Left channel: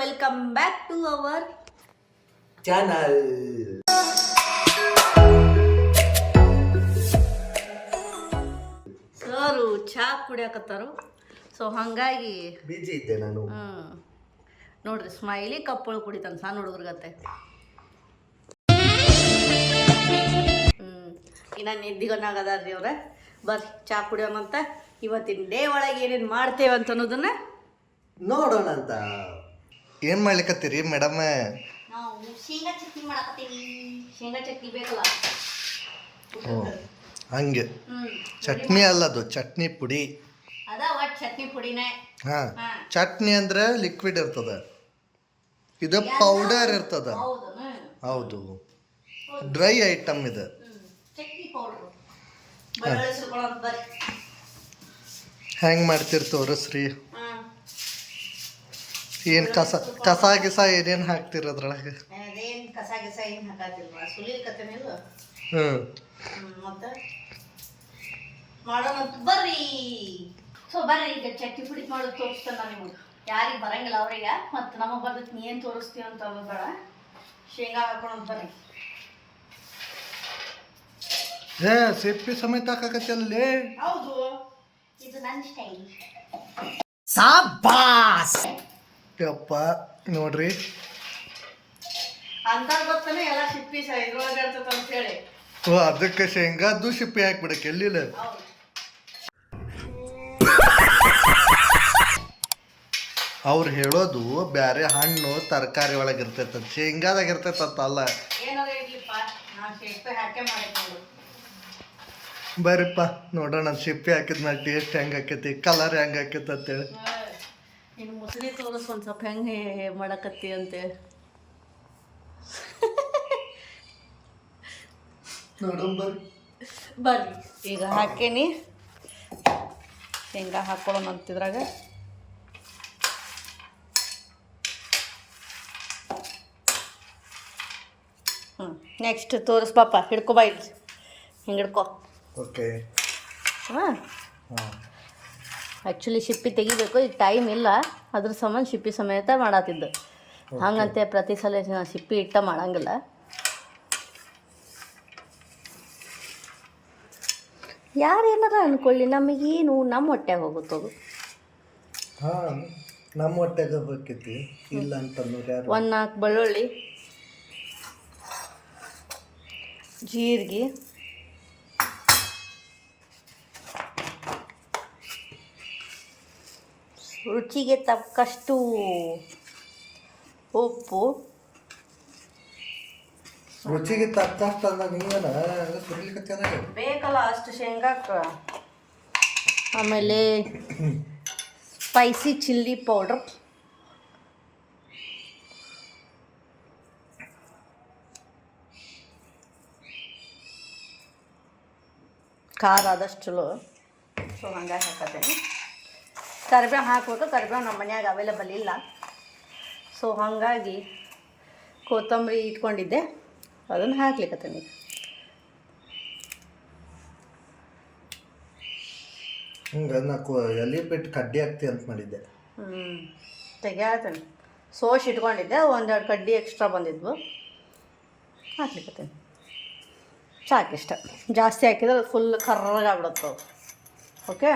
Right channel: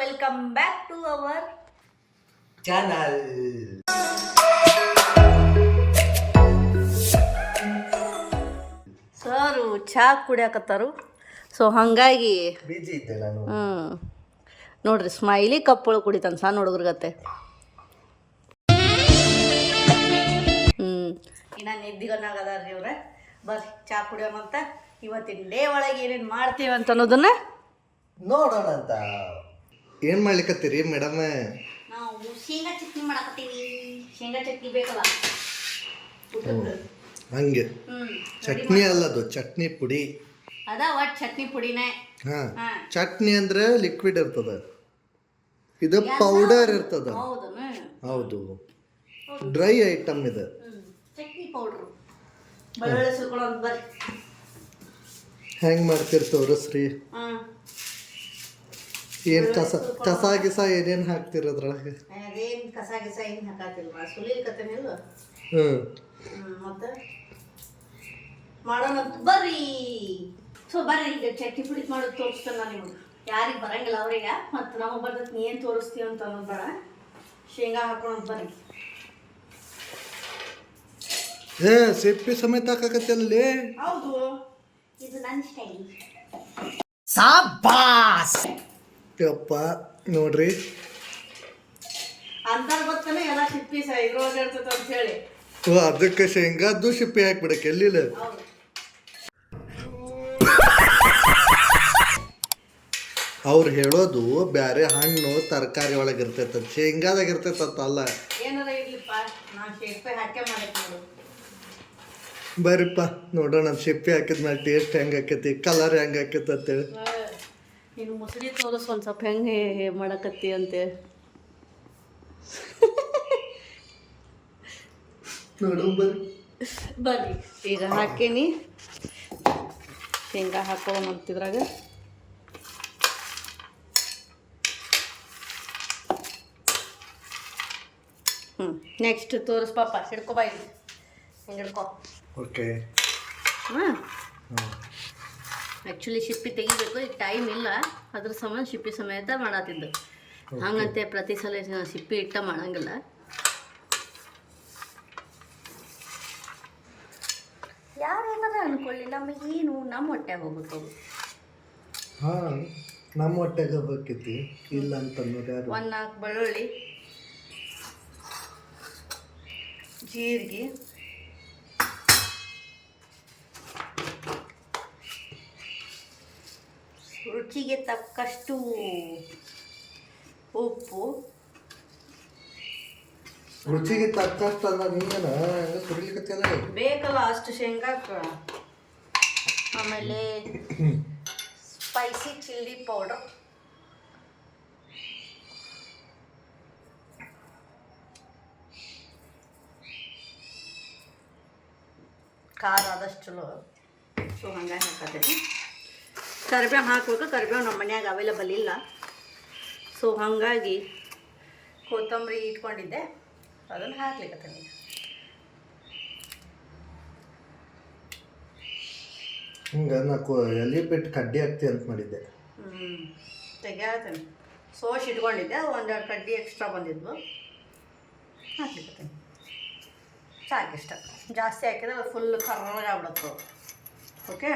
Welcome back to our channel. Sir ಚಹಾ ಕುಡಿಯಾಕತ್ತಾರು. So ಹಾಗಾಗಿ ಬಿಜಿ ಇದ್ದೆ ನಾನು. ನೋಡ್ರಿ ಸ್ಮೈಲಿ ಕಪ್ಪಳು ಕುಡಿತಾನೆ ಸಣ್ಣ ಹುಡುಗರ್ಗತ್ತೆ. ಇನ್ನು ನಿದ್ದಿಗನ್ನಾಗದಾರ್ರಿ ಅವ್ರೆ. ಬರ್ರಿ ಚಹಾ ಕುಡಿಯೋಮಂತ. ಇವತ್ತಿನ ಡೇ ಒಳಗೆ ಏನೇನು ಮಾಡ್ತೇವೆ ಅಂತ ಅನ್ನೋದನ್ನ ನೋಡೋಣ ಅಂತ. ಏನು ಮಾಡ್ಲಿಕ್ಕತ್ತೀರಿ ಮೇಡಮ್? ನಾವು ಶೇಂಗಾ ಚಟ್ನಿ ಮಾಡಕತ್ತೀವಿ. ಶೇಂಗಾ ಚಟ್ನಿ ಬೇಕಲ್ಲ. ಹಂಗೆ ಚಟ್ನಿ ಅಲ್ಲ, ಅದು ಚಟ್ನಿ ಪುಡಿ. ಅದ ಒಟ್ಟು ಚಟ್ನಿ ಪುಡಿನೇ. ಹಾಂ, ಚಟ್ನಿ ಅಂದ್ರೆ ಲಿಕ್ವಿಡ್ ಇರ್ತದ, ಇದು ಪೌಡರ್ ಇರ್ತದ. ಹೌದು, ಡ್ರೈ ಐಟಮ್ ಇದು. ಚಟ್ನಿ ಪೌಡ್ರು ಬೆಳ್ಳುಳ್ಳಿ ಸುರ್ಕೊಳ್ಳೋದು. ಬರ್ರಿ ಹೆಂಗೆ ಮಾಡ್ತೀರಿ ತೋರಿಸ್ರಿ. ಏನು ಕಸ ಗಿಸ ಏನೇನು ಹಾಕ್ತೀರ ಅದ್ರೊಳಗೆ? ಅದೇನು ಕಸ ಗಿಸ ಏನು ಹಾಕತ್ತಿಲ್ಲ, ಸುಲಿಕತ್ತೇನಿಲ್ಲ. ಮತ್ತೆ ಮಾಡೋಣ ಬರ್ರಿ. ಸೊ ಬರ್ರಿ, ಈಗ ಚಟ್ನಿ ಪುಡಿ ಮಾಡೋದು ತೋರಿಸ್ತೇನೆ ನಾನು ನಿಮಗೆ. ಯಾರಿಗೆ ಬರಂಗಿಲ್ಲ ಅವ್ರಿಗೆ, ಮತ್ತು ನಮಗೆ ಬರ್ತೈತಿ ನೀ ಏನು ತೋರಿಸ್ತೀವಿ ಅಂತ ಅನ್ನೋದು ಬೇಡ. ಶೇಂಗಾ ಹಾಕೊಂಡು ಬರ್ರಿ. ಸಿಪ್ಪಿ ಸಮೇತ ಹಾಕಕತ್ತಲ್ಲಿ. ಹೌದು, ಇದು ನನ್ನ ಸ್ಟೈಲ್. ಸಾಬಾಸ್ ಯಪ್ಪ. ನೋಡ್ರಿ, ಅಂತಾರ ಗೊತ್ತಾನೆ ಎಲ್ಲ ಸಿಪ್ಪಿ ಇದ್ರೊಳಗೆ ಇರ್ತೈತೆ ಅಂತ ಹೇಳಿ. ಅದಕ್ಕೆ ಶೇಂಗಾದ್ದು ಸಿಪ್ಪಿ ಹಾಕ್ಬಿಡಕ್ಕೆ ಎಲ್ಲಿಲ್ಲ. ಅವ್ರು ಹೇಳೋದು ಬ್ಯಾರೆ ಹಣ್ಣು ತರಕಾರಿ ಒಳಗೆ ಇರ್ತೈತ, ಶೇಂಗಾದಾಗ ಇರ್ತೈತಂತ ಅಲ್ಲ. ಏನಾರ ಇರ್ಲಿಪ್ಪ, ನಾನು ಸಿಪ್ಪೆ ಹಾಕೇ ಮಾಡಕ್ಕೆ ನೋಡು. ಬರ್ರಿಪ್ಪ ನೋಡೋಣ ಸಿಪ್ಪಿ ಹಾಕಿದ್ಮೇಲೆ ಟೇಸ್ಟ್ ಹೆಂಗೆ ಆಕೈತಿ, ಕಲರ್ ಹೆಂಗೆ ಆಕೈತಿ ಅಂತೇಳಿ. ನೀನು ಮುಸುರಿ ತೋರಿಸ್ ಒಂದು ಸ್ವಲ್ಪ ಹೆಂಗೆ ಮಾಡಕತ್ತಿ ಅಂತೆ. ನೋಡು ಬರ್ರಿ. ಬರ್ರಿ ಈಗ ಹಾಕೇನಿ. ಶೇಂಗಾ ಹಾಕೊಳ್ಳೋಣ ಅಂತಿದ್ರಾಗ. ನೆಕ್ಸ್ಟ್ ತೋರಿಸ್ ಪಾಪ. ಹಿಡ್ಕೊ ಬಾ, ಇಲ್ಲಿ ಹಿಂಗೆ ಹಿಡ್ಕೊ. ಓಕೆ. ಹಾಂ, ಆ್ಯಕ್ಚುಲಿ ಸಿಪ್ಪಿ ತೆಗಿಬೇಕು, ಈಗ ಟೈಮ್ ಇಲ್ಲ, ಅದ್ರ ಸಂಬಂಧ ಸಿಪ್ಪಿ ಸಮೇತ ಮಾಡತ್ತಿದ್ದು. ಹಂಗಂತೆ ಪ್ರತಿ ಸಲ ಸಿಪ್ಪಿ ಇಟ್ಟ ಮಾಡಂಗಿಲ್ಲ. ಯಾರೇನಾರ ಅಂದ್ಕೊಳ್ಳಿ, ನಮಗೇನು ನಮ್ಮ ಹೊಟ್ಟೆಗೆ ಹೋಗುತ್ತದು. ಹಾಂ, ನಮ್ಮ ಹೊಟ್ಟೆಗೆ ಹೋಗ್ಬೇಕೈತಿ, ಇಲ್ಲ ಅಂತಂದ್ರೆ ಯಾರು. 4 ಬೆಳ್ಳುಳ್ಳಿ, ಜೀರಿಗೆ, ರುಚಿಗೆ ತಕ್ಕಷ್ಟು ಉಪ್ಪು. ರುಚಿಗೆ ತಕ್ಕಷ್ಟು ಅಲ್ಲ, ನೀವೇನ ಸುರಿಲಿಕತ್ತದ ಬೇಕಲ್ಲ ಅಷ್ಟು ಶೇಂಗಾಕ್ಕೆ. ಆಮೇಲೆ ಸ್ಪೈಸಿ ಚಿಲ್ಲಿ ಪೌಡ್ರ್, ಖಾರ ಆದಷ್ಟು ಚಲೋ. ಸೊ ಹಂಗಾಗಿ ಹಾಕತ್ತೇನೆ. ಕರಿಬೇವು ಹಾಕಬೇಕು. ಕರಿಬೇವು ನಮ್ಮ ಮನ್ಯಾಗ ಅವೈಲೇಬಲ್ ಇಲ್ಲ, ಸೊ ಹಾಗಾಗಿ ಕೊತ್ತಂಬರಿ ಇಟ್ಕೊಂಡಿದ್ದೆ, ಅದನ್ನು ಹಾಕ್ಲಿಕ್ಕತ್ತೇನೆ. ಹಿಂಗೆ ನಾಲ್ಕು ಎಲೆ ಬಿಟ್ಟು ಕಡ್ಡಿ ಹಾಕ್ತಿ ಅಂತ ಮಾಡಿದ್ದೆ. ತೆಗಿಯಾತೇನೆ. ಸೋಸ್ ಇಟ್ಕೊಂಡಿದ್ದೆ, 1-2 ಕಡ್ಡಿ ಎಕ್ಸ್ಟ್ರಾ ಬಂದಿದ್ವು, ಹಾಕ್ಲಿಕ್ಕತ್ತೇನೆ. ಸಾಕಿಷ್ಟ. ಜಾಸ್ತಿ ಹಾಕಿದ್ರೆ ಅದು ಫುಲ್ ಕರ್ರಗಾಗ್ಬಿಡುತ್ತೆ. ಓಕೆ,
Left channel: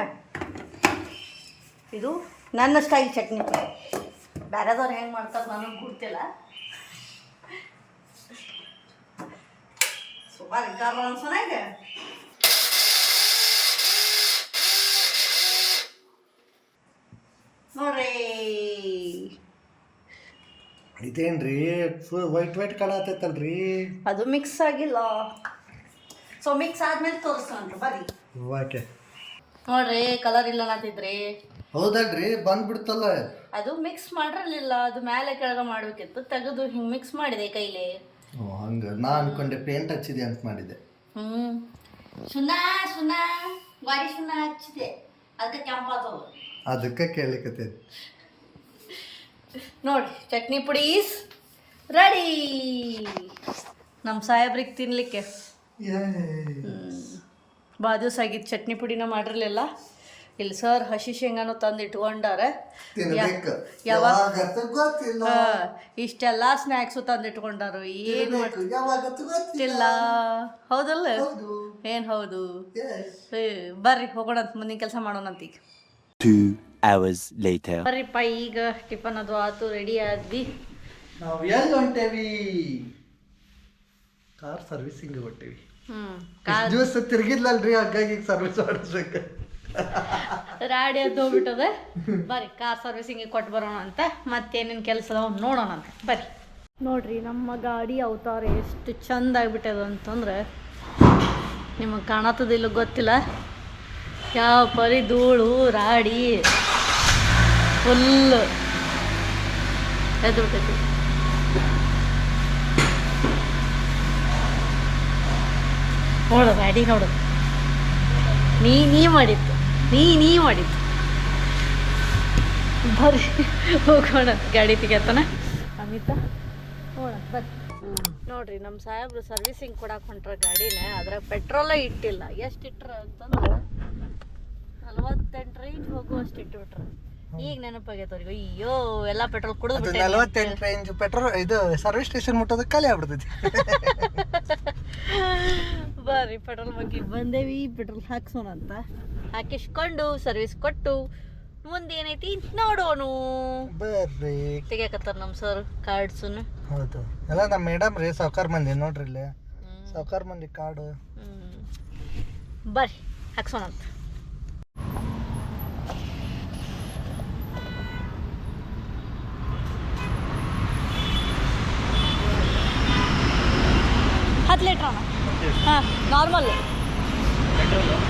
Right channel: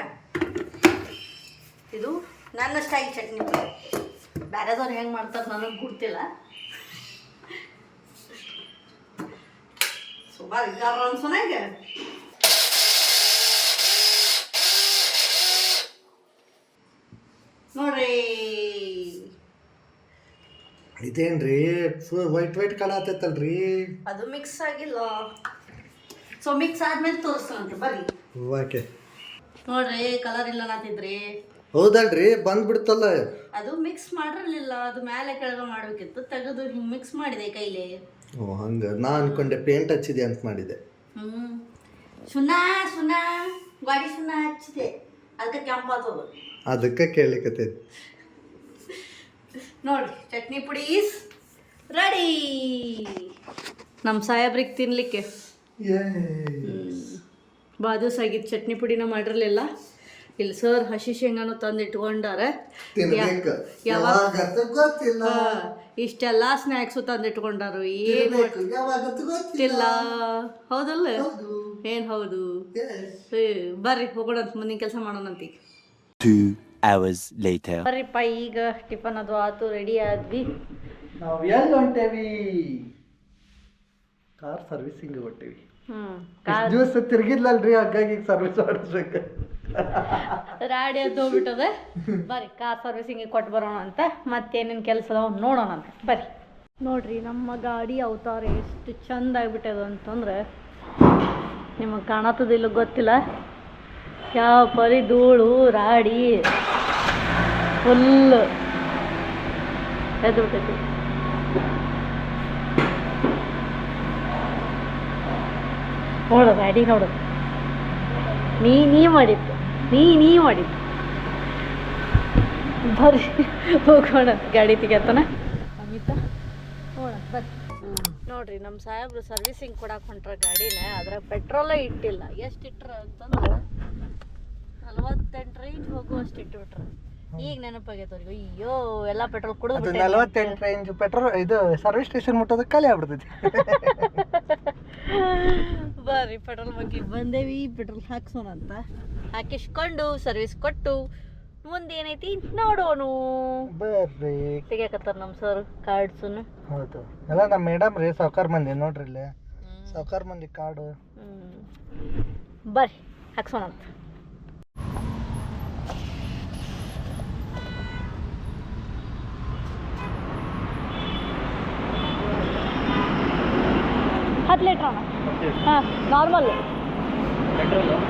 ಇದು ನನ್ನ ಸ್ಟೈಲ್ ಚಟ್ನಿ. ಬೇರೆದವ್ರು ಹೆಂಗೆ ಮಾಡ್ತಾರೆ ನನಗೆ ಗೊತ್ತಿಲ್ಲ. ಸುಮಾರು ಇದ್ದಾರ ಅನ್ಸೋನಾಗೆ. ನೋಡ್ರಿ, ಇದೇನ್ರಿ ವೈಟ್ ಕಾಣತೈತಲ್ರಿ? ಅದು ಮಿಕ್ಸ್ ಆಗಿಲ್ಲ. ಸೊ ಮಿಕ್ಸ್ ಆದ್ಮೇಲೆ ತೋರಿಸ್ತಾನ್ರಿ, ಬರ್ರಿ. ಓಕೆ. ನೋಡ್ರಿ, ಕಲರ್ ಇಲ್ಲ ಅನ್ನತಿದ್ರಿ. ಹೌದಲ್ರಿ, ಬಂದ್ಬಿಡ್ತಲ್ಲ. ಅದು ಮಿಕ್ಸ್ ಮಾಡಿರಲಿಲ್ಲ, ಅದು ಮೇಲೆ ಕೆಳಗೆ ಮಾಡಬೇಕಿತ್ತು. ತೆಗೆದು ಹಿಂಗೆ ಮಿಕ್ಸ್ ಮಾಡಿದೆ ಕೈಲಿ. ಓ ಹಂಗೆ, ನಾ ಅನ್ಕೊಂಡೆ ಪೇಂಟ್ ಹಚ್ಚಿದೆ ಅಂತ ಮಾಡಿದೆ. ಸುಣ್ಣ ಗಾಡಿ ಸುಣ್ಣ ಹಚ್ಚಿದೆ, ಅದಕ್ಕೆ ಕೆಂಪಾಗ್ತದ. ಅದಕ್ಕೆ ಕೇಳಿಕತ್ತೈತಿ. ನೋಡ್ರಿ, ಚಟ್ನಿ ಪುಡಿ ಈಸ್ ರೆಡಿ ನಮ್ಮ ಸಾಹೇಬ್ರಿಗೆ ತಿನ್ನಲಿಕ್ಕೆ. ಭಾಳ ದಿವಸ ಆಗಿತ್ತು ಚಟ್ನಿ ಪುಡಿನ ಮಾಡಿರಲಿಲ್ಲ. ಇಲ್ಲಿ ಸರ್ ಹಸಿ ಶೇಂಗಾನು ತಂದು ಇಟ್ಕೊಂಡಾರೆ. ತಿನ್ಬೇಕು ಯಾವಾಗ ಯಾವಾಗಂತ ಗೊತ್ತಿಲ್ಲ ಇಷ್ಟೆಲ್ಲ ಸ್ನ್ಯಾಕ್ಸು ತಂದು ಇಟ್ಕೊಂಡಾರು. ಏನ್ ತಿನ್ಬೇಕು ಯಾವಾಗಂತ ಗೊತ್ತಿಲ್ಲ. ಗೊತ್ತಿಲ್ಲ. ಹೌದಲ್ಲ? ಹೌದು. ಏನ್ ಹೌದು? Yes. ಬರ್ರಿ ಹೋಗೋಣಂತ, ಮುಂದಿನ ಕೆಲಸ ಮಾಡೋಣಂತ ಈಗ. 2 hours later. ಬರ್ರಿಪ್ಪ, ಈಗ ಟಿಫನ್ ಅದು ಆತು, ರೆಡಿ ಆದ್ವಿ. ನಾವು ಎಲ್ಲಿ ಹೊಂಟೇವಿ? Car servicing ಹೊಂಟೇವಿ. ಇಷ್ಟ್ ದಿವಸ ತಿರ್ಗಿದ್ಲಲ್ರಿ, ಹಾಗಾಗಿ ಈಗ ಸರ್ವಿಸ್ ಮಾಡಿಸ್ಬೇಕು. ರಾಡಿ ಅದು ಹೋಗ್ಬಿಟ್ಟದೆ. ಬರ್ರಿ ಕಾರ್ ಸರ್ವಿಸಿಂಗ್ ಕೊಟ್ಟು ಬರೋಣ ಅಂತ, ಮತ್ತೇನೇನು ಕೆಲಸ ಅದಾವ ನೋಡೋಣ ಅಂತ. ಬರ್ರಿ ನೋಡ್ರಿ, ನಮ್ಮ ಗಾಡಿ ಅವತಾರ ಎಷ್ಟು ಚಂದ ಆಗ್ಬಿಟ್ಟದ ಅಂತಂದ್ರೆ ನಿಮಗೆ ಕಾಣತ್ತದಿಲ್ಲ ಗೊತ್ತಿಲ್ಲ. ಯಾವ ಪರಿ ಧೂಳು ರಾಡಿ ಫುಲ್ ಎದ್ದು ಬಿಟ್ಟೈತಿ. ನೋಡು ಗಾಡಿ ನೋಡು, ನೀ ಮಾಡಿತ್ತು, ನೀ ಮಾಡಿತ್ತು. ಬರ್ರಿ ಹೋಗೋಣ, ಗಾಡಿ ತೆಗಿತಾನ ಅಮಿತಾ, ನೋಡೋಣ ಬರ್ರಿ. ನೋಡ್ರಿ ನಮ್ಮ ಸಾಹೇಬ್ರು ಸರ್ವಿಸಿಂಗ್ ಕೊಡಕ್ಕೆ ಹೊಂಟ್ರ ಗಾಡಿನ, ಅದ್ರಾಗ ಪೆಟ್ರೋಲೇ ಇಟ್ಟಿಲ್ಲ. ಎಷ್ಟು ಇಟ್ರ ಅಂತಂದ್ರೆ 48 ರೇಂಜ್ ಹೋಗುವಷ್ಟು ಇಟ್ಬಿಟ್ರ. ಈಗ ನೆನಪಾಗೈತವ್ರಿಗೆ, ಅಯ್ಯೋ ಎಲ್ಲ ಪೆಟ್ರೋಲ್ ಕುಡಿದು 48 ರೇಂಜ್ ಪೆಟ್ರೋಲ್ ಇದು ಸರ್ವಿಸ್ ಸ್ಟೇಷನ್ ಮುಟ್ಟೋದಕ್ಕೆ ಖಾಲಿ ಆಗ್ಬಿಡ್ತೈತಿ. ಬರ್ರಿ ಪೆಟ್ರೋಲ್ ಬಂಕಿಗೆ ಬಂದೇವಿ, ಪೆಟ್ರೋಲ್ ಹಾಕ್ಸೋಣ ಅಂತ. ಹಾಕಿಸ್ಕೊಂಡು ಸರ್ವಿಸ್ ಕೊಟ್ಟು ಮುಂದೆ ಏನೈತಿ ನೋಡೋಣ. ಬರ್ರಿ ತೆಗಿಯಕತ್ತಾರ ನಮ್ಮ ಸರ್ ಕಾರ್ಡ್ಸನ್ನು. ಹೌದು, ಎಲ್ಲ ನಮ್ಮ ಮೇಡಮ್ ರೀ, ಸಾವ್ಕಾರ ಮಂದಿ ನೋಡ್ರಿ ಇಲ್ಲಿ ಸಾವ್ಕಾರ ಮಂದಿ ಕಾರ್ಡು. ಬರ್ರಿ ಹಾಕ್ಸೋಣ ಅಂತ. ಹತ್ತು ಲೀಟ್ರ್ ಅಣ್ಣ? ಹಾಂ ನಾರ್ಮಲ್.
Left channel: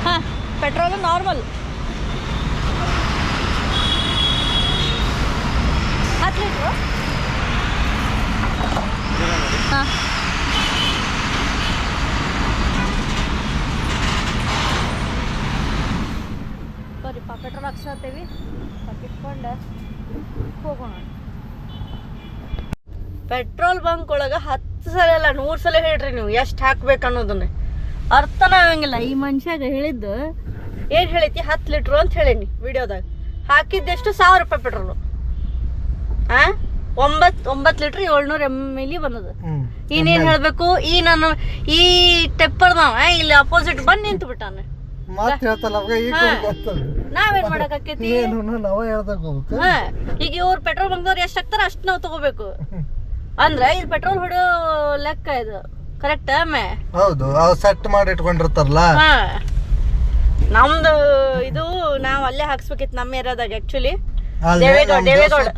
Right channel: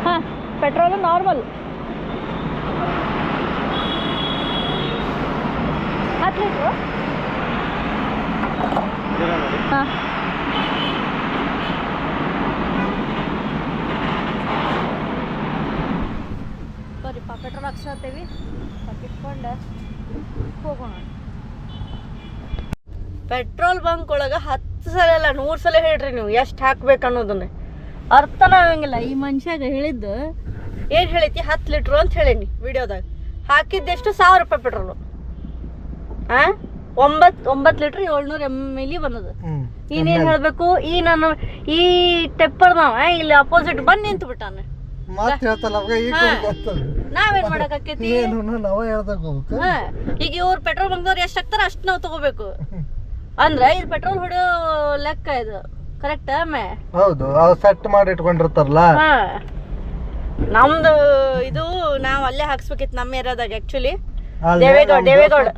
ಹಾಂ ಪೆಟ್ರೋಲು ನಾರ್ಮಲ್ 10 ಲೀಟ್ರು. ಹಾಂ ಬರೀಪ್ಪ ಪೆಟ್ರೋಲ್ ಹಾಕ್ಸತ್ತೇವಿ, ಹಾಕಿಟ್ಕೊಂಡು ಹೋಗೋಣ. ಪೆಟ್ರೋಲ್ ಬಂಕ್ ಒಳಗೆ 10 ಸಲ ಅಲ್ಲ 100 ಸಲ ಹೇಳ್ರಿ ನೀವು ಎಷ್ಟು ಹಾಕ್ಬೇಕು ಅನ್ನೋದನ್ನ. ಅರ್ಥನೇ ಆಗಂಗಿಲ್ಲ. ಈ ಮನುಷ್ಯಾಗ ಹೇಳಿದ್ದು ಏನು ಹೇಳೈತಿ, 10 ಲೀಟ್ರು ಅಂತ ಹೇಳೀನಿ ವಿಡಿಯೋದಾಗ. ಹಾಕಿದ್ದೆಷ್ಟು 1000 ರೂಪಾಯಿ ಪೆಟ್ರೋಲು. 9 ಲೀಟ್ರ್ 700 ml ಬಂದದ. ಇನ್ನೇನು ಹೇಳಬೇಕು, ಈ ಟೆಪ್ಪರ್ದವ ಇಲ್ಲಿ ಅಪೋಸಿಟ್ ಬಂದು ನಿಂತು ಬಿಟ್ಟಾನೆ. ನಾವೇನ್ ಮಾಡಕೈತಿ, ಈಗ ಇವ್ರು ಪೆಟ್ರೋಲ್ ಬಂಕ್ದವ್ರು ಎಷ್ಟು ಹಾಕ್ತಾರ ಅಷ್ಟು ನಾವು ತಗೋಬೇಕು. ಅಂದ್ರೆ ಇದು ಪೆಟ್ರೋಲ್ ಹೊಡೆಯೋ ಲೆಕ್ಕ ಇದು, ಕರೆಕ್ಟ್? ಹೌದು, ಸೆಟ್ ಮಾಡಿ ಇಟ್ಕೊಂಡಿರ್ತಾರಲ್ಲ. ನಮ್ದು ಇದು ನಾವು ಅಲ್ಲೇ ಹಾಕ್ಸ್ಬೇಕಿತ್ತು ನಮ್ಮ ಏರಿಯಾದಾಗ. ಆಕ್ಚುಲಿ ದೇವೇಗೌಡ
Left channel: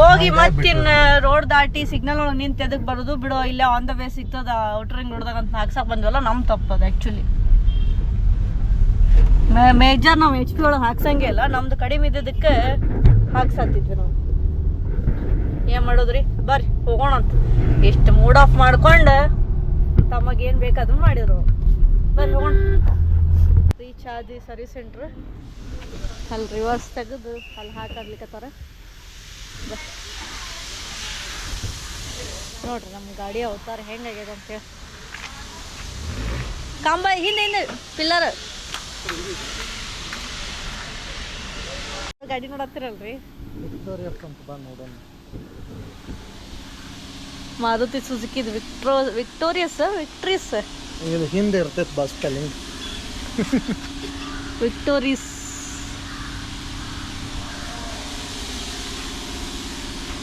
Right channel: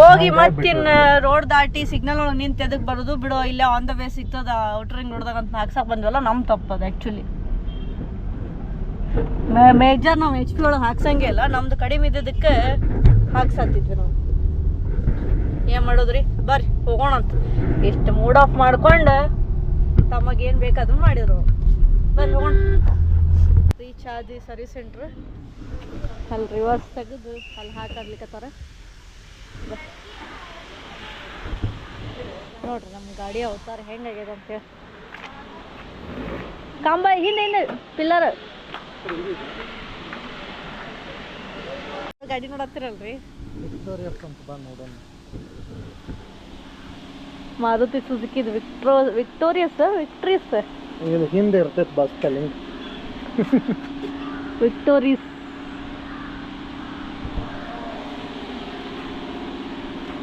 ಹೋಗಿ ಮತ್ತಿನ್ ರೋಡ್ ದಾಟಿ ಸಿಗ್ನಲ್ ಒಳಗೆ ನಿಂತು ಎದಕ್ ಬರೋದು ಬಿಡೋ, ಇಲ್ಲೇ ಆನ್ ದ ವೇ ಸಿಗ್ತದ ಔಟರ್ ರಿಂಗ್ ರೋಡ್ದಾಗ ಅಂತ ಹಾಕ್ಸಕ್ ಬಂದ್ವಲ್ಲ, ನಮ್ ತಪ್ಪದ. ಆಕ್ಚುಲಿ ಮೇಜರ್ ನಾವು HP ಒಳಗೆ ಹಾಕ್ಸಂಗೆ ಇಲ್ಲ, ನಮ್ದು ಕಡಿಮೆ ಇದ್ದಿದ್ದಕ್ಕೆ ಹಾಕ್ಸತ್ತಿದ್ವಿ ನಾವು. ಏನ್ ಮಾಡೋದ್ರಿ, ಬರ್ರಿ ಹೋಗೋಣ ಅಂತ. ಎಷ್ಟು ಮೂಡ್ ಆಫ್ ಮಾಡ್ಕೊಂಡು ತಮಗೇನು ಬೇಕಾದ್ರೂ ಮಾಡಿದ್ರು. ಬರ್ರಿ ಹೋಗೋಣ. ರೀಚ್ ಆದಿ ಸರ್ವಿಸ್ ಸೆಂಟ್ರ್. ಅಲ್ಲಿ ರಿವರ್ಸ್ ತೆಗೆದು ಅಲ್ಲಿ ಹಾಕಾಡ್ಲಿಕ್ಕತ್ತಾರ. ನೋಡ್ರಿ ನಮ್ಮ ಗಾಡಿ ಅವತಾರ ಹೆಂಗಾಗ್ಯದ ಅಂತೇಳಿ. ಕಂಬ ಹಿಂದೆ ಪಿಲ್ಲರ್ ಗಾಡಿ ನೋಡತ್ತಿರಲ್ರಿ. ಮಾರುತಿ ಸುಜುಕಿದು ವಿಕ್ಟೋರಿಯಸ್ ಹಿಂದೆ ಇರ್ತೈತೆ ಬಸ್ ಸ್ಪೆಲ್ಲಿಂಗ್. ವಿಕ್ಟೋರಿಯಸ್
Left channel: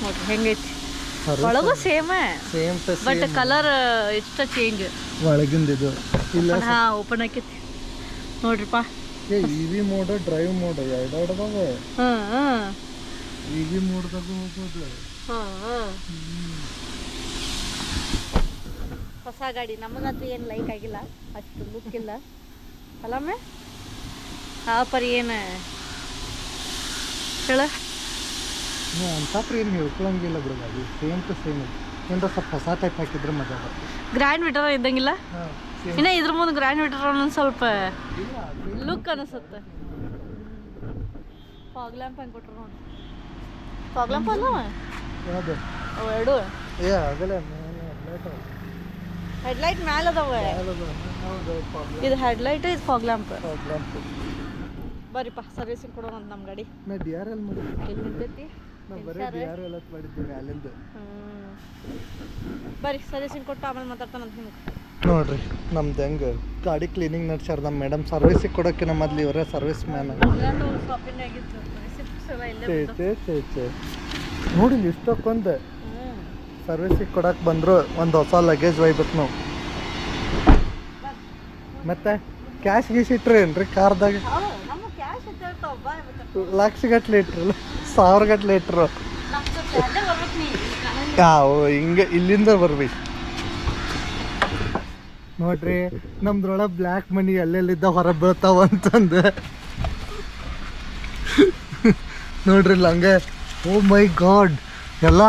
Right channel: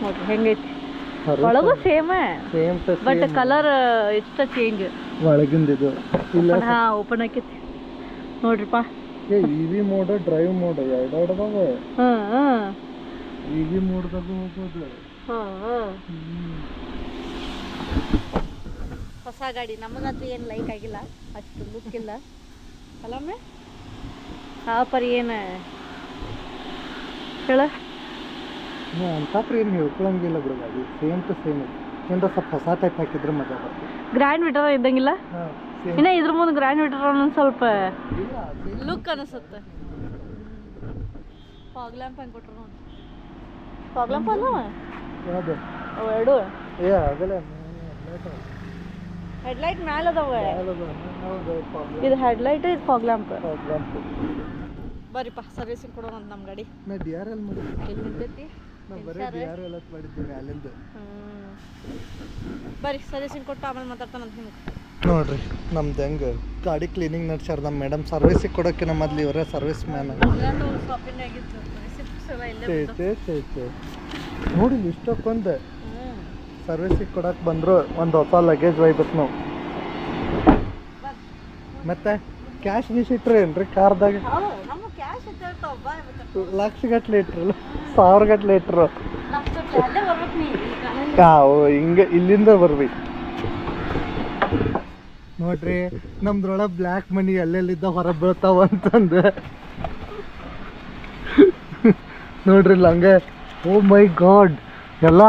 ನೋಡ್ರಿ ಹೆಂಗೈತಿ. ಒಳಗೂ ಸೇಮ್ ಬಟ್ ಕಲರ್ ಇಷ್ಟ ಚೇಂಜ್. ಒಳಗಿಂದ ಇದು ಇಲ್ಲ. ಹಾ ಓಪನ್ ಆಕೈತಿ ನೋಡ್ರಿಪ್ಪ. ಇವಿ ಮೋಡ್, ಡ್ರೈವ್ ಮೋಡ್ ಎರಡಾಡ್ದಾವ. ಇವಿ ಮೋಡ್ದಾಗ ಹೋಗೋದು. ಹೊಸ ಗಾಡಿ ನಮಗಂತೂ ಏನು ಲೈಕ್ ಆಗಿಲ್ಲ, ಅಷ್ಟು ಲುಕ್ ಇಲ್ಲ ಅಲ್ಲಮ್ಮೆ. ಆ ಪರಿ ಏನು ಹೇಳ ಅಂತ ಏನು ಹೇಳ್ಕೊಳಂಗಿಲ್ಲ ಬಿಡು. ಗಾಡಿ ಸೇಮ್ ಟು ಸೇಮ್ ಇದೆ. ಏನಾರ ಸ್ವಲ್ಪ ಹೊಸ ಟೈಪ್ ಹಾಕಿದ್ರೆ ಮಜಾ ಬರ್ತದೆ. ಗ್ರ್ಯಾಂಡ್ ವಿಟರ್ ಇದ್ದಂಗಿಲ್ಲ. ಇನ್ನು ಇದ್ರ ಮುಂದೆ ಗ್ರ್ಯಾಂಡ್ ವಿಟರ್ ಅನ್ನೊಂದು ಸ್ವಲ್ಪ ಲುಕ್ ಅನಿಸುತ್ತೆ. ಫಾಗ್ ಲ್ಯಾಂಪ್ ಹೆಂಗೆ ಕೊಟ್ರು ನೋಡಿ. ಫಾಗ್ ಲ್ಯಾಂಪ್ ಅಲ್ಲವ ಯಾವುದು ಅವು ಎರಡು. ಏ ಆಗಲೇ ಹೆಡ್ಲೈಟ್ ಮ್ಯಾಲ ಅದಾವ. ಇದು ಹೆಡ್ಲೈಟ್, ಇದು ಫಾಗ್ ಲ್ಯಾಂಪ್. ಬರ್ರಿಪ್ಪ ಸರ್ವಿಸಿಂಗ್ ಕೊಡೋಣ ಅಂತ ನಮ್ಮ ಗಾಡಿ. ನಾ ಡಿ ಆರ್ ಎಲ್ ಮಾಡಿ ಎಲ್ಲಿ ನಿಂತೈತಿ? ಬರೀ ಡಿ ಆರ್ ಎಲ್ ಮಾಡಿದ್ದೀವಿ ಅಲ್ಲಿಂದ. ಬರ್ರಿ ಸರ್ವಿಸಿಂಗ್ ಕೊಟ್ಟು ಆಮೇಲೆ ಮಾತಾಡ್ತಾನಂತ ನಿಮ್ಗೆ. ನೋಡ್ರಿ ನಮ್ದು ಹೆಂಗೆ ಗಾಡಿ ಕ್ಲೀನಿಂಗ್ ನಡ್ಸ್ಯಾರ ನಮ್ಮ ಮೇಡಮ್. ಸರ್ವಿಸಿಗೆ ಕೊಡೋಕ್ಕಿಂತ ಮೊದ್ಲು ಇವರೇ ಸರ್ವಿಸ್ ಮ್ಯಾನ್. ನೋಡಿ ಇಷ್ಟಕ್ಕೊಂದು ಸರ್ವಿಸಿಗೆ ಕೊಡಕ್ಕೆ ಬಂದರು. ಒಂದು ಹೊಸ ಲಗೇಜ್ ಒಯ್ಬೇಕು ನಾವು. ಮತ್ತೆ ಕ್ಯಾಶ್ ಗೀಶ್ ಇಟ್ರಿ ಏನ್ರಿ ಕಾರ್ದಾಗ? ಲಕ್ಷಗಟ್ಲೆ ಇಟ್ರಲ್ಲ, 1000 ಗಟ್ಲೆ ಇಟ್ರು. ಹಿಂಗೆ ಇಲ್ಲಿಂದ ಬರ್ಬೇಕು ನೋಡ್ರಿ. ನಮ್ದ್ರೊಳಗೆ ಬ್ಲ್ಯಾಕ್ ಮನಿ ಎಲ್ಲೆಲ್ಲಿದ್ದ ಹೊರ ಬೀಳ್ತಾವ ಅಂತಂದು ನೋಡ್ರಿ ಇಲ್ಲ ಹಂಗೆ. ಓ ಮೈ ಗಾಡ್, ಎಲ್ಲ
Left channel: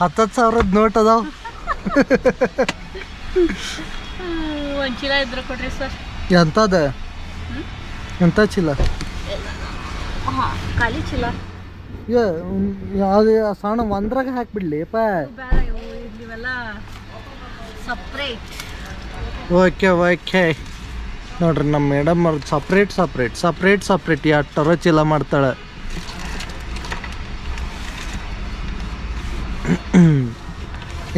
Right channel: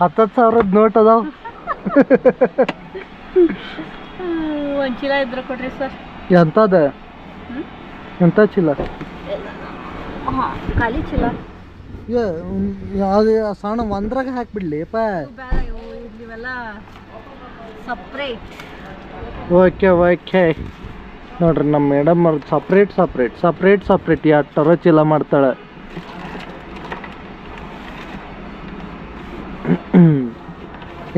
10,000 ನೋಟ್ ಅದಾವ. ಒಂದು ಚೀಲ ಇದ್ರೆ ಕೊಡ್ರಿ ಸರ್. ಎಂತದ? ಎಂತ ಚೀಲ? ಖಾಲಿ ಚೀಲ. ಯಾವ್ದು ಸಣ್ಣ ಒಂದ್ರಾಗ ಹಾಕ್ಬಿಡ್ಲಿಪ್ಪ. ಇವೆಲ್ಲ ಸಪ್ರೇಟ್. Okay okay. ನೋಡ್ರಿ ನಮ್ಮ ಮೇಡಮ್ ಅವ್ರದ್ದು ಸಪ್ರೇಟ್ ಎಷ್ಟರ ಚೀಲ ಮಾಡ್ತಾಳೆ.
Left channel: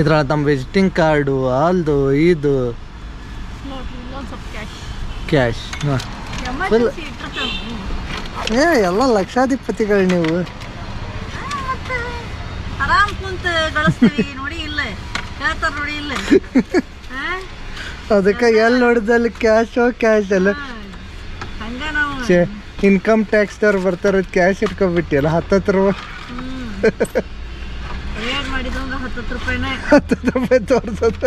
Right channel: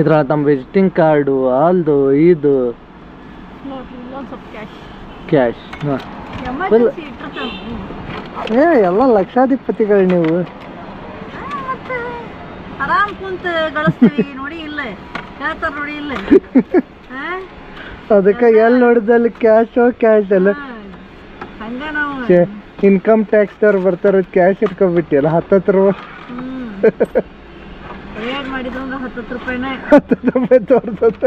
ಇದ್ರಾಗ ನಮ್ಮ ವಿಸಿಟಿಂಗ್ ಕಾರ್ಡು ಅಲ್ದು ಇದು ಕ್ಯಾಶ್. ಫುಲ್ ಎಲ್ಲ ಲಕ್ಷಾಧಿಪತಿಗಳು ನೀವು. ಆರಾಮ್ ಕುಂತ ಗಳಿಸ್ತೀವಿ ನೋಡಿ. ಇಲ್ಲ ಹೇಳ್ತಾರ ನೋಡಿ. ಇಲ್ಲ ಅದಕ್ಕೆ ಎಲ್ಲಿ ನೋಡಿದಲ್ಲಿ ಕ್ಯಾಶ್ ಅಲ್ಲ. ಹಂಗ ನಾವು ಇನ್ಕಮ್ ಟ್ಯಾಕ್ಸ್ದವ್ರು ಬರ್ತಾರ, ಕ್ಯಾಶ್ ಇಟ್ಕೊಂಡ್ಬಿಟ್ಟಿಯಲ್ಲ 10 ರೂಪಾಯಿ. ರೇಟ್ ಮಾಡಿದ್ರು 10 ರೂಪಾಯಿನೇ. 10 ರೂಪಾಯಿ ತೋರ್ಸತ್ತ.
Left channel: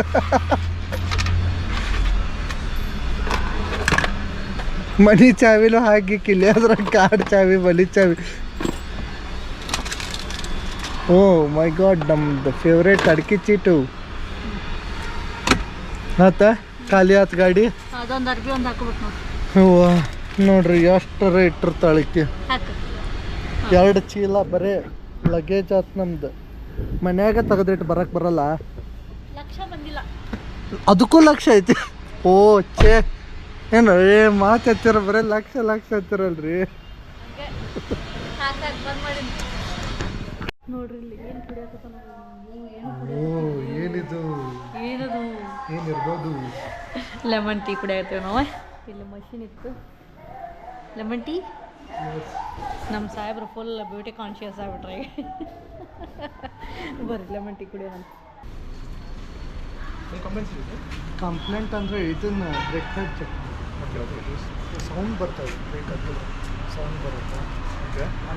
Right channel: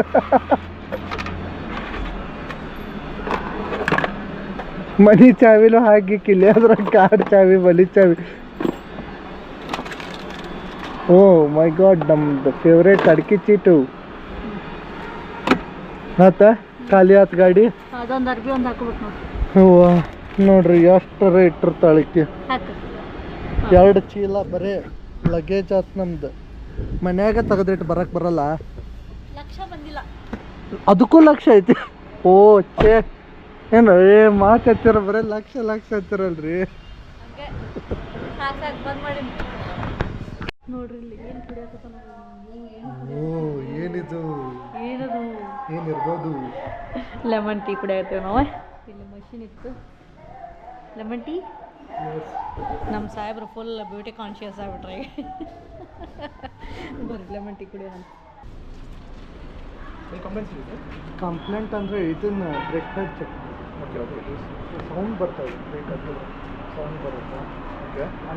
ಮನಿ ಚಾವಿನೂ ಹಾಕಿಕ್ಕಿಲ್ಲ, ಅದ್ರ ಕಾರ್ಡ್ ಚಾವಿ, ಮನಿ ಚಾವಿ. ಓ ಮೈ ಗಾಡ್, ನಮ್ದು ಫೇವ್ರೇಟ್ ಅಡಿಕೆ ಚೀಟು. ಆತ ಖಾಲಿ ಆತ ಗಾಡಿ. ಅದೊಂದು ಅರ್ಬಿ ಒಂದು ಹಾಕೋಬೇಕು ನೋಡಿ. ನೋಡ್ರಿ ಎಷ್ಟು ರೇಟ್ ಇರ್ತಾಳಕ್ಕೆ. 2 ಚೀಲ ಬರೇ ಲಗೇಜ್ ಆತ್ ನಮ್ದು. ಮನ್ಯಾಗ ತೆಗೆದಿಟ್ಟು ಬರಕ್ಕೆ ಬರಲ್ಲ. ಲಕ್ಷ ಬಂದಿಲ್ಲ, ಅದಕ್ಕೂ ಲಕ್ಷ ಐತಿ. ಓ ಛೇ, ಏನು ಮಾತು ಹತ್ತಿರ ಬರೀ ಲಕ್ಷ ಹತ್ತಿರಲ್ರಿ. ನೋಡ್ರಿ ಇಲ್ಲಿ ಏನು ಕುಡಿಯಾಕತ್ತಾನ. ಓ ಏನಿದು? ಏನಿರ್ಬೋದು? ಲೆಮನ್ ಟೀ ಕುಡಿಯಾಕತ್ತೀವಿ ನಾವು. ಇಲ್ಲಿ ಮಷಿನ್ ಇತ್ತು ಲೆಮನ್ ಟೀ. ನಮ್ಮ ಸಾಹೇಬ್ರು ಫುಲ್ ಬ್ಯೂಟಿ ಕಾನ್ಶಿಯಸ್ ಆಗ್ಬಿಟ್ರೆ. ಬರ್ರಿ ಲೆಮನ್ ಟೀ ಕುಡಿಯೋಣ. ಕಂಪ್ಲೇಂಟ್ ಅಂದರೆ ಇದನ್ನ ಬ್ರೇಕ್ಫಾಸ್ಟ್ ಚೆಕ್. ಸೌಂಡ್ ಬರ್ತದೆ, ಸೌಂಡ್ ಬರುತ್ತೆ.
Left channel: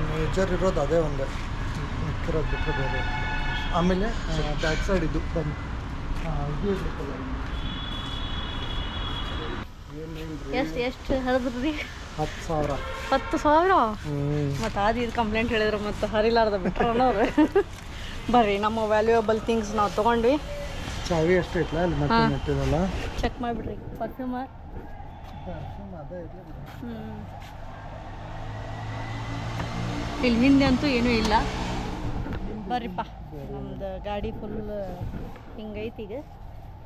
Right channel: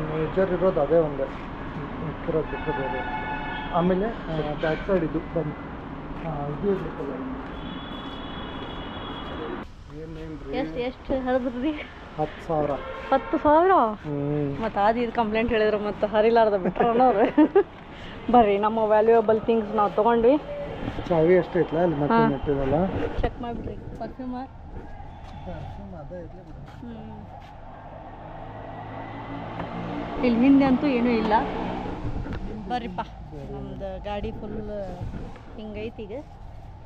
ಮೇಜರ್ ಇರೋದು ಅದೇ ಒಂದು, ಮಿಕ್ಕಿರೋದು ಬಿಟ್ಟರೆ ಬೇರೆ. ಆಮೇಲೆ ಬ್ಯಾಕ್ ಸೈಡ್ ಇದು ಬಂದು ಇದು ಇರ್ಬೇಕಲ್ಲ. ಎಷ್ಟು ಹರಿದ್ರಿ? 10,000. 10,000? ಮತ್ತು ಅದು ಇದು ಕಂಪ್ಲೇಂಟ್ ಹೇಳಿದ್ರು ಮತ್ತು ಹರಿಲಾರ್ದ ಬಿಟ್ರು ಅನ್ನೋರು. ಬರ್ರಿ ನಮ್ಮ ವ್ಯಾಲ್ಯೂಯಬಲ್ ಥಿಂಗ್ಸ್ ನಾವು ತೊಗೊಂಡ್ವಿ. ಚಾವಿ ಅಷ್ಟೇ ಇಟ್ಲ ಅಲ್ಲಿ ಮತ್ತೆ ನೆಟ್ಟಿದಲ್ಲ. ಚೆಕ್ ಮಾಡಿಬಿಡ್ರಿ. ಪರ್ಫ್ಯೂಮ್ ಅದೇ ಇರಲಿ. ಇಲ್ಲಿ ಹಿಂದೆ ಅಂತೂ ಏನೂ ಇಲ್ಲ. ಬರ್ರಿಪ್ಪ, ನಮ್ದು ಗಾಡಿ ಫುಲ್ ಹಿಂಗೈತಿ. ಈಗ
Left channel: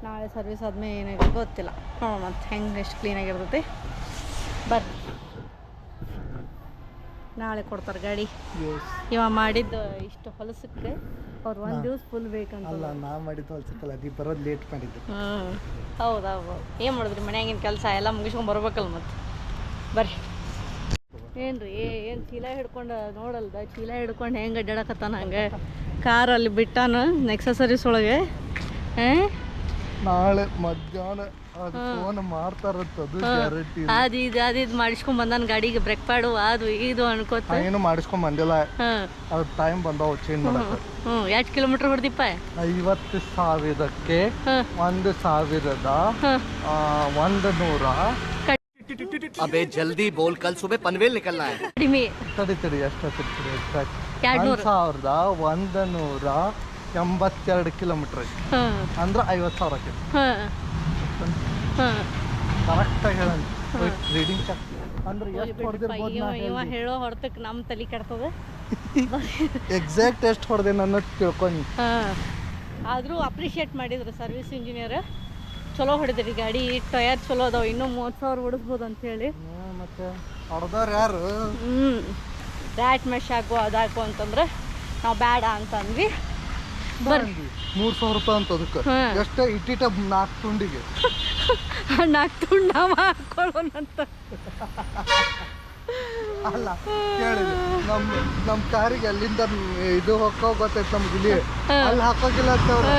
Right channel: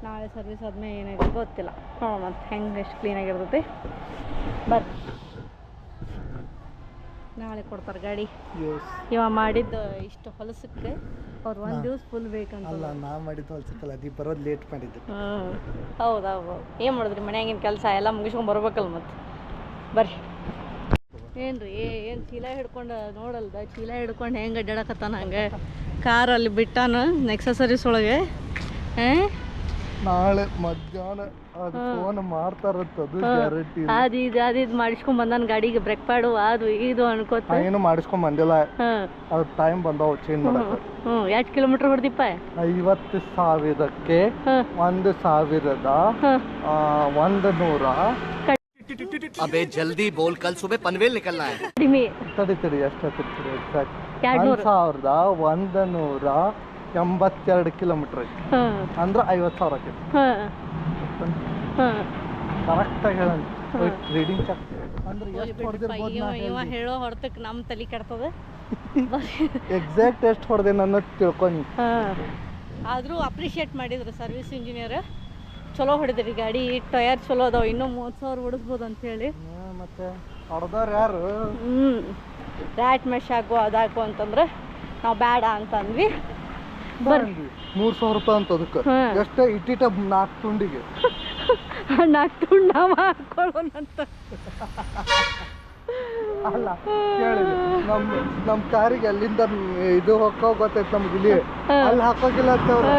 ನಾಳೆ ಸರ್ವಿಸ್ ಆದ್ಮೇಲೆ ಏನಾಗಿದೆ ಗೊತ್ತಿಲ್ಲ, ನೋಡೋಣ ಮತ್ತು ಹೆಂಗೆ ಎಷ್ಟು ಕ್ಲೀನಾಗಿರ್ತೈತಿ. ಬರ್ರಿ, ನಾಳೆ ಕೊಡ್ತಾರೆ ಗಾಡಿ. ಇವ ಮಾಡಿದ್ದು ಇಷ್ಟು ಹೊಲಸಕ್ಕೆ ಅವ್ರು 1 ದಿವಸ ಫುಲ್ ಬೇಕಂತ. ಅಲ್ಲ, ನಾ ಮಾಡಿದ್ದು ಹೊಲಸಕ್ಕಲ್ಲ, ನೀ ಬರೋದು ಲೇಟ್ ಮಾಡಿದ್ದು. ಹೌದು. ಏನು ಮಾಡಿದ್ರಿ ಮನ್ಯಾಗಿನ ಕೆಲಸ ಎಲ್ಲ ಮುಗಿಸ್ಕೊಂಡು ಬರ್ಬೇಕಲ್ಲ ಮತ್ತು. ಬರ್ರಿ. ಏನ್ರಿ ಏನು ಚೀಲ ಹಿಡ್ಕೊಂಡು ನೋಡಲ್ದ, ಚೀಲ ಹಿಡ್ಕೊಂಡು ಹೆಂಗೆ ಅಡ್ಡಾಡಕತ್ತಾನ ಹಂಗೆ. ಕಾರಲ್ಲಿ ಬಿಟ್ಟಾನ ನೆಕ್ಸಸರೀಸ್ ಒಳಗೆ. ನಾಳೆ ಮಧ್ಯಾಹ್ನ ಅದು ಫೋನ್ ಮಾಡ್ತಾರಂತ, ಅದು ಗ್ಯಾರಂಟಿ. ಅದು ಇದು ಮಾಡಿಸ್ಕೊಂಡ್ ಬಂದಾನ ಗಾಡಿಗೆ, ಬ್ರೇಕ್ ಪ್ಯಾಡು ಅದು ಇದು ಅನ್ಕೋತ. ಏನು ಮಾಡಿಸ್ಕೊಂಡ್ ಬಂದಿಲ್ಲ, ಅದು ಟೈಮ್ ಬಂದಾವ ಚೇಂಜ್ ಮಾಡಕ್ಕೆ. ಎಷ್ಟು ಕಿಲೋಮೀಟರ್ ಹೊಡೆದಿಪ್ಪ? 50,000ಕ್ಕೆ 1,100. अबे जल्दी बोल, कल सुबह पनवेल निकलना है. ಕಡಿಮೆ ತಡಿ ಎಷ್ಟು 1,182 ಕಿಲೋಮೀಟರ್ ಐತಿ. ಅಂದ್ರೆ 50,000 ಕರೆಕ್ಟಾಗಿ ಹೇಳ. ರೀಡಿಂಗ್ ಚೆಕ್ ಅಂದ್ರೆ ಎಷ್ಟು ಹೊಡೆದಿರ್ಬೋದು. ಇವ ಹೇಳೋ ಹೊರತಕ್ಕೆ ನಮ್ಮ ತಲೆ ಕೆಡ್ತದೆ. ಎಕ್ಸಾಕ್ಟ್ ಎಷ್ಟು ಹೊಡೆದೆ ಅನ್ನೋದು ತಿಳ್ಕೊಂಡು. ಆದರೂ ಅಪ್ರಿಷಿಯೇಟ್ ಮಾಡಿದ್ರು ಸರ್ವಿಸ್ ಇಂಜಿನಿಯರ್. ಚಲೋ ಹೊಡೆದ್ರಿ ಗಾಡಿ, ಟಯರ್ ಚಲೋ ಅದಾವ, ಇನ್ನೂ 30,000 ಹೊಡಿಸ್ಬೋದು ಅಂತೇಳಿ. ಮತ್ತೆ ಹೊಡೆದವ್ರು ಯಾರು? ರ್ಯಾಟ್ ಮೆಶ್ ಹಾಕು ಅದಾಕು ಅಂತಂದ್ರೆ ನಾವು ಬೇಡ ಅಂತಂದ್ವಿ. ಬರ್ರಿ 3,000 ರೂಪಾಯಿ ಅಂತ ಅದಕ್ಕೆ. ಎಷ್ಟು ಇಟ್ಟಿಟ 4 ತುಂಡಿಗೆ 4 ತುಂಡು ನಾವು ಹಾಕೊಳ್ಳೋಣಂತ. ಅಲ್ಲ ಕೇಳಿ, ನಮ್ಮ ಕಾರಿಗೆ ಅಲ್ಲಿಂದ ಇದು ಹೋಗೋ ಗೊತ್ತೈತೆ ನಮ್ಗೆ, ಇಲ್ಲಿ ಅಲ್ಲಿ ಹಾಕೋಗಿಲ್ಲ ಅಂತ ಅವ್ರು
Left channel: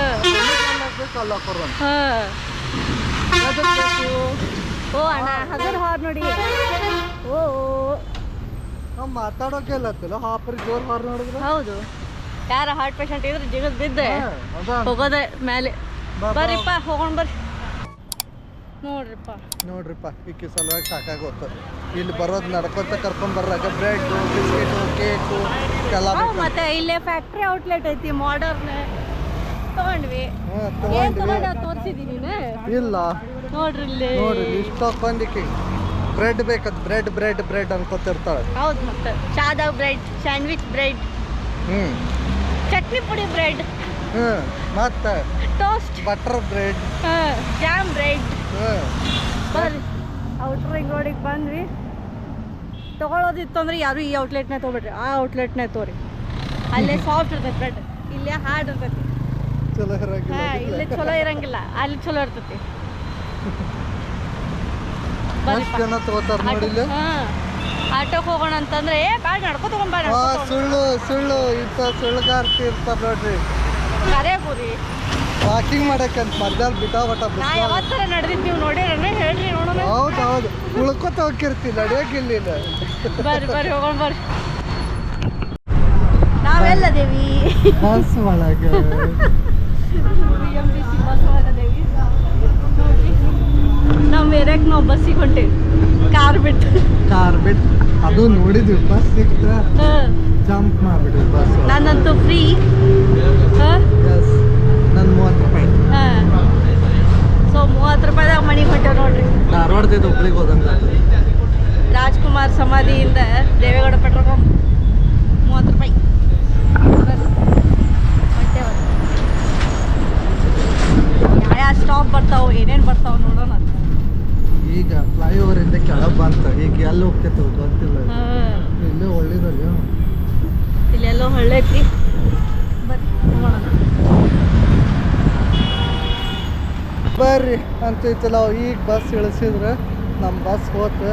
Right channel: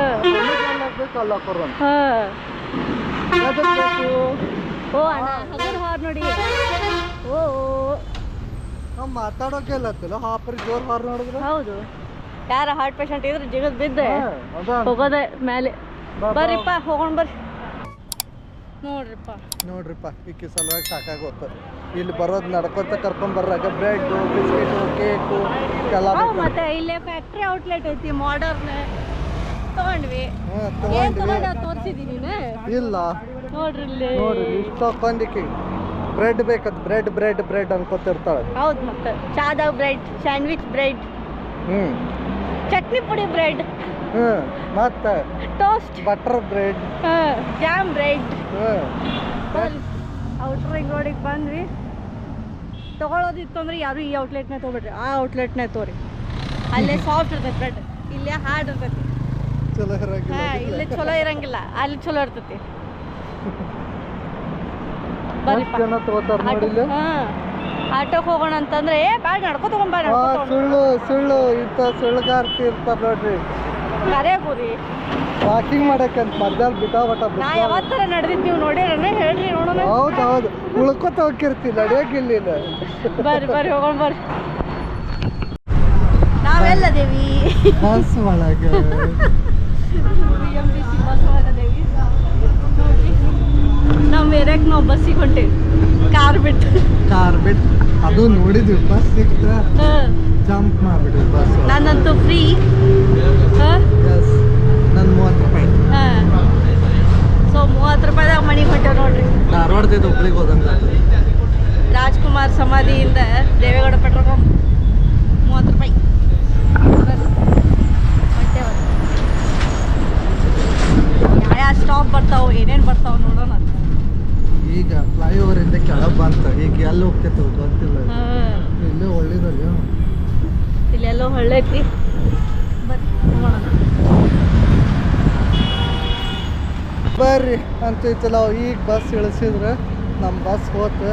ಹಾಕ್ಬೇಕು, ಅಲ್ಲಿ ಹಾಕೋರಂತ. ಓ ಅಣ್ಣ ಹಗರ್ ಹಾರ್ ನೋಡಿ. ಓ ನಾವು ಮಾತಾಡೋಕೆ ಇಲ್ಲತ್ತಿಲ್ಲ, ಹಾಪರಿ ಜೋರ್ ಹಾರ್ ನೋಡಿದ್ರೆ. ಹೌದು, ಯಾರ ಹಾರ್ಟ್ ಪೇಷಂಟ್ ಇದ್ರೆ ಜಿಗದ್ ಬಿದ್ದೆ ಹೋಗೋದೆ ಮೇಲೆ. ಬರ್ರಿಪ್ಪ ಹೋಗೋಣ ಬರ್ರಿ. ನೋಡ್ರಿಪ್ಪ ಈಕಿ ಸಲುವಾಗಿ ಸಾಕಾಗೋತು. ಇಲ್ಲಿ ಬರೋದು ನಡ್ಕೊಂತ ಕರ್ಕೊಂಬರ್ರಾಗ ಬ್ರೆಡ್, ಬಿಸ್ಕೆಟು, ಕೇಕು ಎಲ್ಲ ಮತ್ತೆ ಇಲ್ಲೇ ಫ್ಯಾಕ್ಟ್ರಿ ಔಟ್ಲೆಟ್ ಐತಿ ಮಾಡರ್ನ್, ತಗೊಂಡ್ವಿ. ಏನ್ ತಗೊಂಡ ತೋರಿಸಿದೀನಿ ಇಲ್ಲ ನೋಡ್ರಿ ಇಲ್ಲಿ. ನೋಡ್ರಿ ಇಷ್ಟು ತಗೊಂಡಿಕ್ಕಿ ಬ್ರೆಡ್ ಬೇಕದ್, ಬ್ರೆಡ್ ಬ್ರೆಡ್ ಬ್ರೆಡ್ ಅನ್ಕೋತಿರ್ತಾಳೆ. ಹೌದು, ಮತ್ತೆ ಚಾದಾಗ ಬ್ರೆಡ್, ಸ್ಯಾಂಡ್ವಿಚ್ ಬ್ರೆಡ್, ಚಟ್ನಿ ಪುಡಿ ಬ್ರೆಡ್, ಮತ್ತೆ toast, butter bread, jam bread. Outer ring ರೋಡಿಗೆ ಬಂದ್ವಿ. ತಗೊಳ್ಳೋದಿತ್ತು ಅಂದ್ರೆ ಯಾರು ಈ ಔಟ್ಲೆಟ್ನೇ ತೊಗೊಬಿಡ್ರಿ, ಆ ಔಟ್ಲೆಟ್ನೇ ತೋರಿ. ಅಲ್ಲೇ ಸಾಫ್ಟ್ ಇರ್ತೈತಿ ಬ್ರೆಡ್, ಇಲ್ಲೇ ಹಾರ್ಡ್ ಇರ್ತೈತಿ. ಚಲೋ ಇರಂಗಿಲ್ಲ. ಇಲ್ಲೇ ಚಲೋ ಇರಂಗಿಲ್ಲ, ಅಲ್ಲಿ ಚಲೋ ಇರ್ತೈತಿ. ಎಷ್ಟು ಜನ ತಗೋತಾರ ನೋಡಿಲ್ಲ. ಆಟೋಕ್ ಹೋಗೋಣ ಅಂತಂದ್ರೆ ಬ್ಯಾಡ ನಡ್ಕೊ ತಗೊಂಡ್ ಸುಳ್ಳು ಸುಳ್ಳು ಇಂಥ ಸುಳ್ಳುಗಾರ್ತಿ ಇರ್ತಾರ ನೋಡ್ರಿ. ಕರೆ ಕೂರಿ ವಾಕಿಂಗ್ ಮಾಡಕ್ಕಂತ ಮಧ್ಯಾಹ್ನ ಬಿಟ್ಟಾವಟ. ನಾ ಯಾವತ್ತರ ನಡೆದಿದ್ದು ನೀವು ನೋಡಿರನೇ ಹೇಳ್ರಿ ನೋಡೋಣ. ಹೌದು ಉಳ್ಕೊತ ಹೋಗಿರ್ತಿ, ನಡೆಯೋಕಿಲ್ಲ. ಬರ್ರಿ ಬರ್ರಿ ಹೋಗೋಣ ಬರ್ರಿ. ನಾವೆಲ್ಲದೇವಿ ಬಸ್ ಒಳಗೆ, BMTC ಬಸ್ ಒಳಗದೇವಿ. ನಾವು ಏರಿಯಾಕ್ಕೆ ನಾವು ಬಸ್ಸಿಗೆ ಹೊಂಟೇವಿ, ಕಾರ್ ಬಿಟ್ಟು. ಅದು ನೋಡಿದ್ವಿ, ಬಸ್ ಸಿಕ್ತ ಜಂಪ್ ಮಾಡ್ಬಿಟ್ವಿ ಬಸ್. ನಾನಂತೂ ಫ್ರೀ. ನನ್ನ 30 ರೂಪಾಯಿ. ಸೊ 30 ರೂಪಾಯಿದಾಗ ಮನೆಗೆ ಹೊಂಟೇವ್ ನೋಡ್ರಿ. ಧಾರವಾಡದಿಂದ ಹುಬ್ಳಿಗೆ ಹೋದಂಗ. ರಾಜ್ಕುಮಾರ್ ಸಮಾಧಿಯಿಂದ ದೇವೇಗೌಡ ಪೆಟ್ರೋಲ್ ಪಂಪ್ 30 ರೂಪಾಯಿ. ಯಾವ ಸ್ಟಾಪ್ ಬರ್ತಾವ, ಏನೇನು ಬರ್ತಾವ ನೋಡೋಣ. ಈಗ ಫ್ಲೈಓವರ್ ಇಂದ ಕೆಳಗೆ ಬಂತ, ಈಗ ಎಲ್ಲಿ ಹೋಗ್ತೈತೆ ಗೊತ್ತಿಲ್ಲ. ಇಲ್ಲೇ ಒಳ್ಳೇದಲ್ಲ, ಇಲ್ಲೆಲ್ಲೋ ಹೊಳ್ಳೈತಿ. ಬರ್ರಿ ಅಂತೈತಲ್ಲ. ಈಗ ಬಸ್ ಇಳಿಸಿದ್ರೆ ನಮ್ಮ ಬಸ್ ಹೋತು.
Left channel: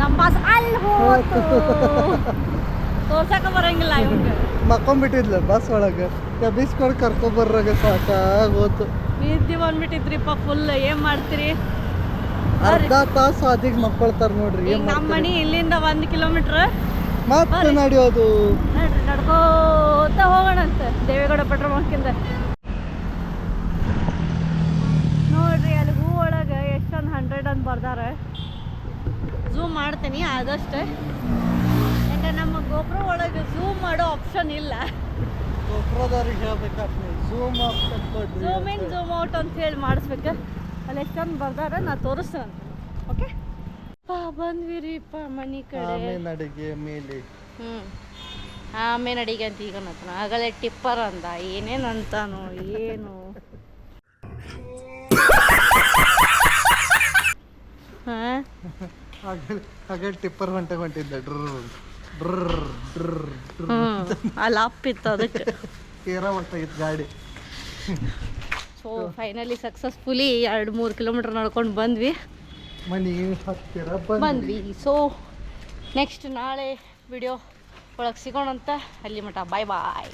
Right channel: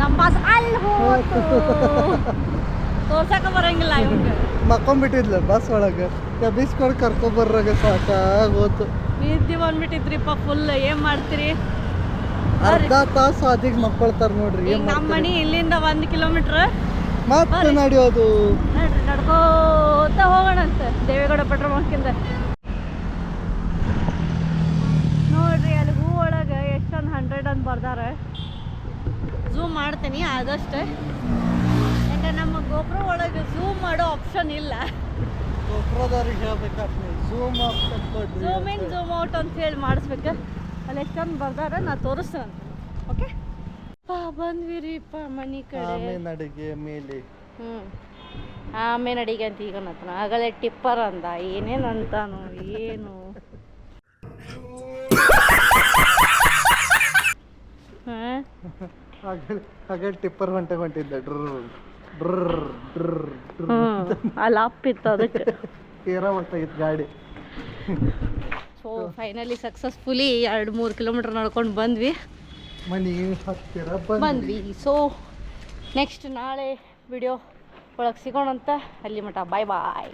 ನಮ್ಮ ಬಸ್ ಅಲ್ಲಿ ಹೋತು. ತೋರ್ಸಕ ಬರಂಗಿಲ್ಲ ಇವ್ರಿಗೆ. ಮಕ್ಕೊಂಬಿಟ್ಟಿದ್ಲ ಬಸ್ ಒಳಗೆ, ಎಬ್ಬಿಸ್ಕೊಂಡು ಕರ್ಕೊಂಬರ್ರಾಗ ಸಾಕಾಗೋತು. ನಿದ್ದೆ ಬಂದ್ಬಿಟ್ಟಿದ್ರಿಪ್ಪ ಫುಲ್. ಏನ್ ಮಾಡ್ತೀರಿ, ಅರ್ಧ ತಾಸು ಅದೀಗ ಮಕ್ಕೊಳ್ತಾರ ನೋಡ್ರಿ. ಈಗ ನಮ್ಮ ಮನೆ ಇಲ್ಲಿಂದ 1 ಕಿಲೋಮೀಟ್ರ್. ಮತ್ತೆ ನಡೆಯೋದು ನೋಡ್ರಿ, ನಡ್ಕೋತ ಹೋಗೋಣಂತ ದೇವೇಗೌಡ ಪೆಟ್ರೋಲ್ ಬಂಕಿಂದ. ನೋಡ್ರಿ ಅಲ್ಲಿ ಹೂ ಒಳಗೆ ಎಷ್ಟೊಂದು 100 ಅಂತ ಬರ್ದಾರ. ಝೂಮ್ ಮಾಡ್ತೀನಿ ಆದಷ್ಟು, ಯಾಕಂದ್ರೆ ನಮ್ಮ ಗೋಪುರ ಒಳಗೆ ಝೂಮ್ ಮಾಡೋ ಆಪ್ಷನ್ ಇಲ್ಲ. ಗೋಪುರದವ್ರಿಗೆ ಹೇಳ್ಬೇಕಾಗ್ತದೆ, zoom zoom in zoom out ಅಂತ ಹೇಳಿ ಮಾಡಿಸ್ಬೇಕು. ಅಲ್ಲಿ ಎಷ್ಟೊಂದು ಬರ್ದಾರ, ನಾ ತೋರಿಸ್ತೇನೆ. ಓಕೆ ಬಂದ್ವಿರಿಪ್ಪ ಮನೆ ಕಡೆ. ಅಡಿಗೆ ಮೇಲೆ ಆಮೇಲೆ ಅಡಿಗೆ ಅಂತ ಈಗ ನತನ ಆಗಲೇ ಟಿಪ್ಪರ್ ಅಂದ, ಏನೇನು ಅಂತಾನು ಏನು. ಹಾಗೆ ಟಿಪ್ಪರ್ ಹೊಂಟಿದ್ದ ಅಲ್ಲಿ ಅಪ್ಪಿತ್ತು ಅದಕ್ಕೆ ತೀರ ಹೊಂಟಾಗಿತ್ತು ಗಾಡಿ. ಸೊ ಫೈನಲಿ ಸಕ್ಸಸ್ಫುಲಿ 2-3 ಕಿಲೋಮೀಟರ್ ನಡ್ಕೊಂಡು ಬಂದ್ವಿ. ಮನೆಗೆ ಹತ್ತಿರ ಬಂದ್ವಿ. ಸೊ ನೆಕ್ಸ್ಟ್ ನಾಳೆ ವಿಡಿಯೋ ಒಳಗೆ ಸಿಗೋಣಂತ. ಅಲ್ಲಿ ಮಟ ಬಾಯ್ ಬಾಯ್.